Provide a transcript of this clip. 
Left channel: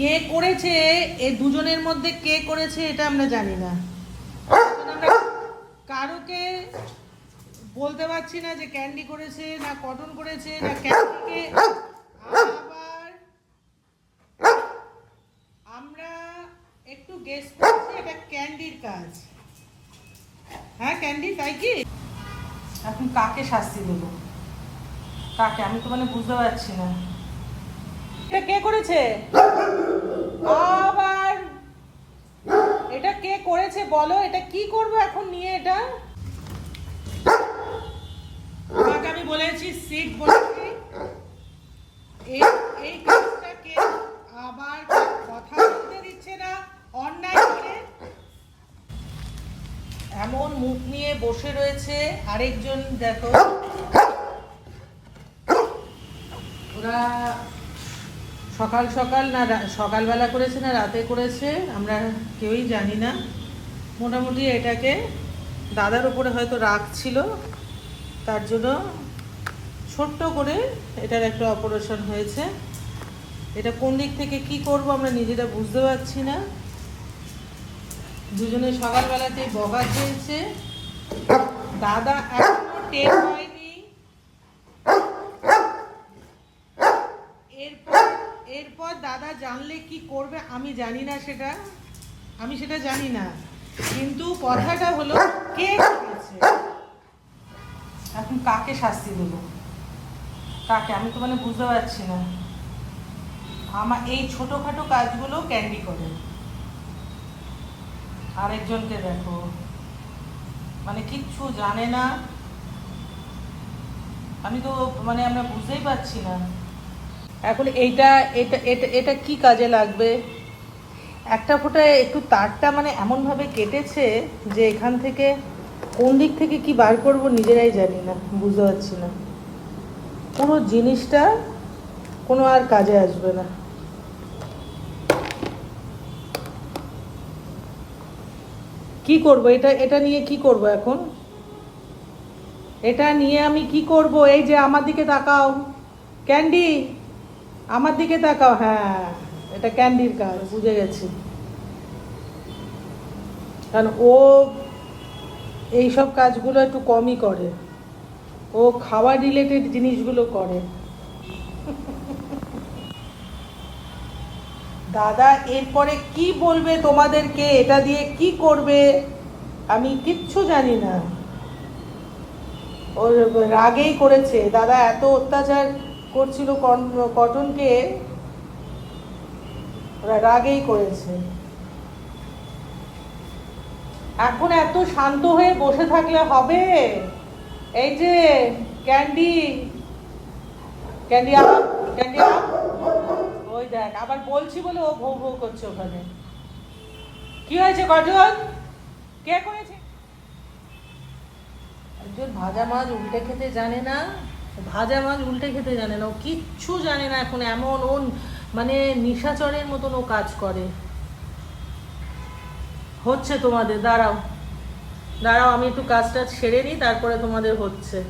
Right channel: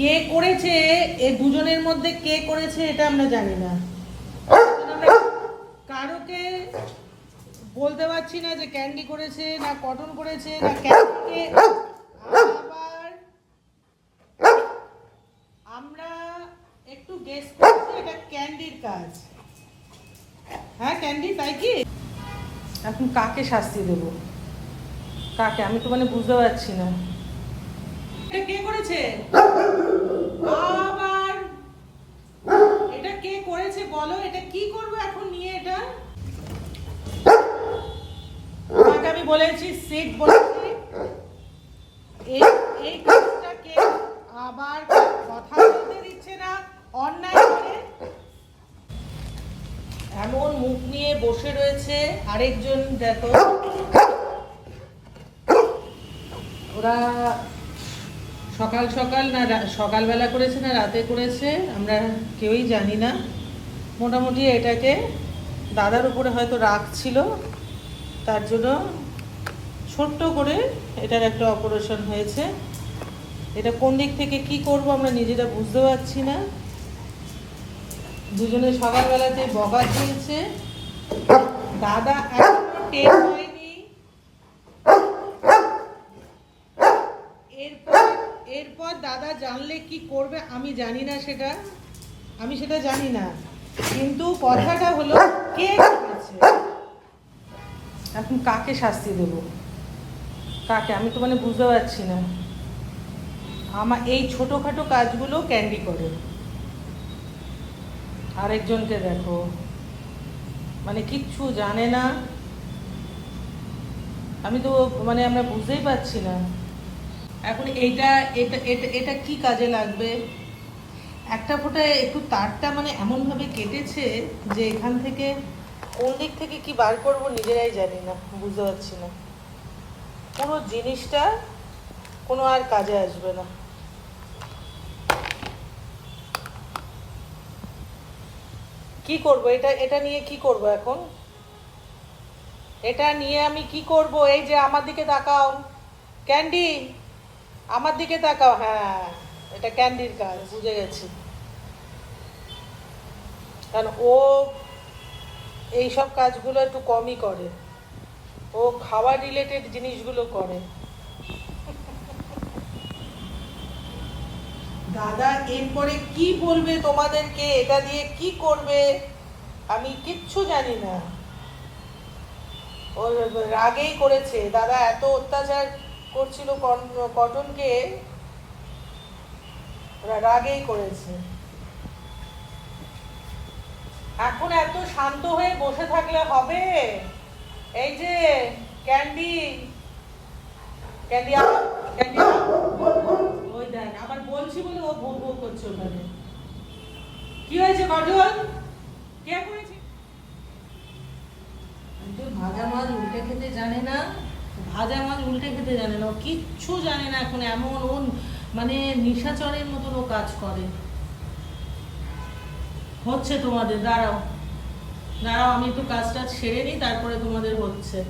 কে করেছে? এ দুজনের মধ্যে কে করেছে এটা আমরা জানি না। কারোকে বলতে পারছি না যে ক্যান্ডি করেছে না কটন করেছে না ক্যান্ডিকে। আমরা একটু গেস করছি, এটা ক্যান্ডির কাজ। হ্যাঁ ক্যান্ডি, তাই কি? এখন কাকে শাস্তি দেবো? কাকে? আমি তো মানে বুঝতে পারছি না। এটা কে করেছে? আবার এটা কে করেছে বলো? এটা কি করব এখন নিয়ে এটা? আমি বলেছি বলেছি। এই এই কাজটা কে আবার কথা বলতে দিচ্ছে না, অন্যায় করে? এমন মুখ নিয়ে বসে রয়েছে আরেকজন দেখো। ওরা সকাল সকাল না সকালবেলা করেছে না রাতে করেছে, আমরা কেউই জানি না। মোটামুটি এটাকে দাদার উপরে হয়তো রাগ ছিল, তার জন্য ছোট্ট করে এটার একটা অপারেশন হয়েছে। এটা কোন দিক থেকে কি করব আমরা নিজেরা বুঝতে পারছি না। দুজনে সকালবেলাতে বগা খেয়েছে। দাদা এখনও টের হয়নি এরপর এরপর দাদা জানলে কি করবে আমি জানি না সেটা। আমি সেটা জানি না। কিন্তু কথাটা হলো, কে করেছে? এখন কাকে শাস্তি দেব? কাকে? আমি তো মানে বুঝতে পারছি না। আমার এই ছোটখাটো কাজগুলো ক্যান্ডি করে? আরেকজনকে দেখো। মানে কিচ্ছু জানে না। আমি তো মানে আমরা বুঝতেই পারছি না। এখন এইটা, এটা এটা এটা কি কাজে লাগবে? একটা ফোঁটা একটু তারটা মানে এমনভাবে কেটেছে যে এখান থেকে কোন দিক থেকে কি বার করব নিজেরাই জানি না, বুঝতে পারছি না। পুরো জিনিসটা কোনো আর কাজে আসবে না। কি করব? এটা এটা নিয়ে কি করব এখন? এটা নিয়ে আমি কি করব? এই যে আমার দিকে তাকাও। ক্যান্ডি আমার দিকে তাকাও হ্যাঁ এটা ক্যান্ডির কাজ বুঝে গেছি। কারণ ও এইসব কাজগুলো একটু কমই করে। ও খাওয়া রিলেটেড জিনিসগুলো করে। দাদা, এরপরে কি বলবে তোমাদেরকে? এটা দিয়ে কি করবে? আমি কিচ্ছু জানি না। ওর রাগেই করেছে। দাদা, এত অত্যাচার করছিল কটনকে রাগেই করেছে। এখন এত শান্ত হয়ে বসে থাকলে হবে? এই যে, ক্যান্ডি। ক্যান্ডি ক্যান্ডি ওই দেখ, আবার বলছি বলে ও ভৌ ভৌ করছে ওখানে। কি হয়েছে কজন কে করেছে? ভাজা মাছ উল্টে খেতে জানে না। ভাজা মাছ উল্টে খেতে জানে না, ও কিচ্ছু জানে না এখন, এমন ও মানে নিশাচরের মতন ও কাজ করে। হচ্ছে তোমাদের, দাঁড়াও। দাঁড়াও, আমি একটু কাজটা সেরে নিই, তারপরে তোমাদের হচ্ছে।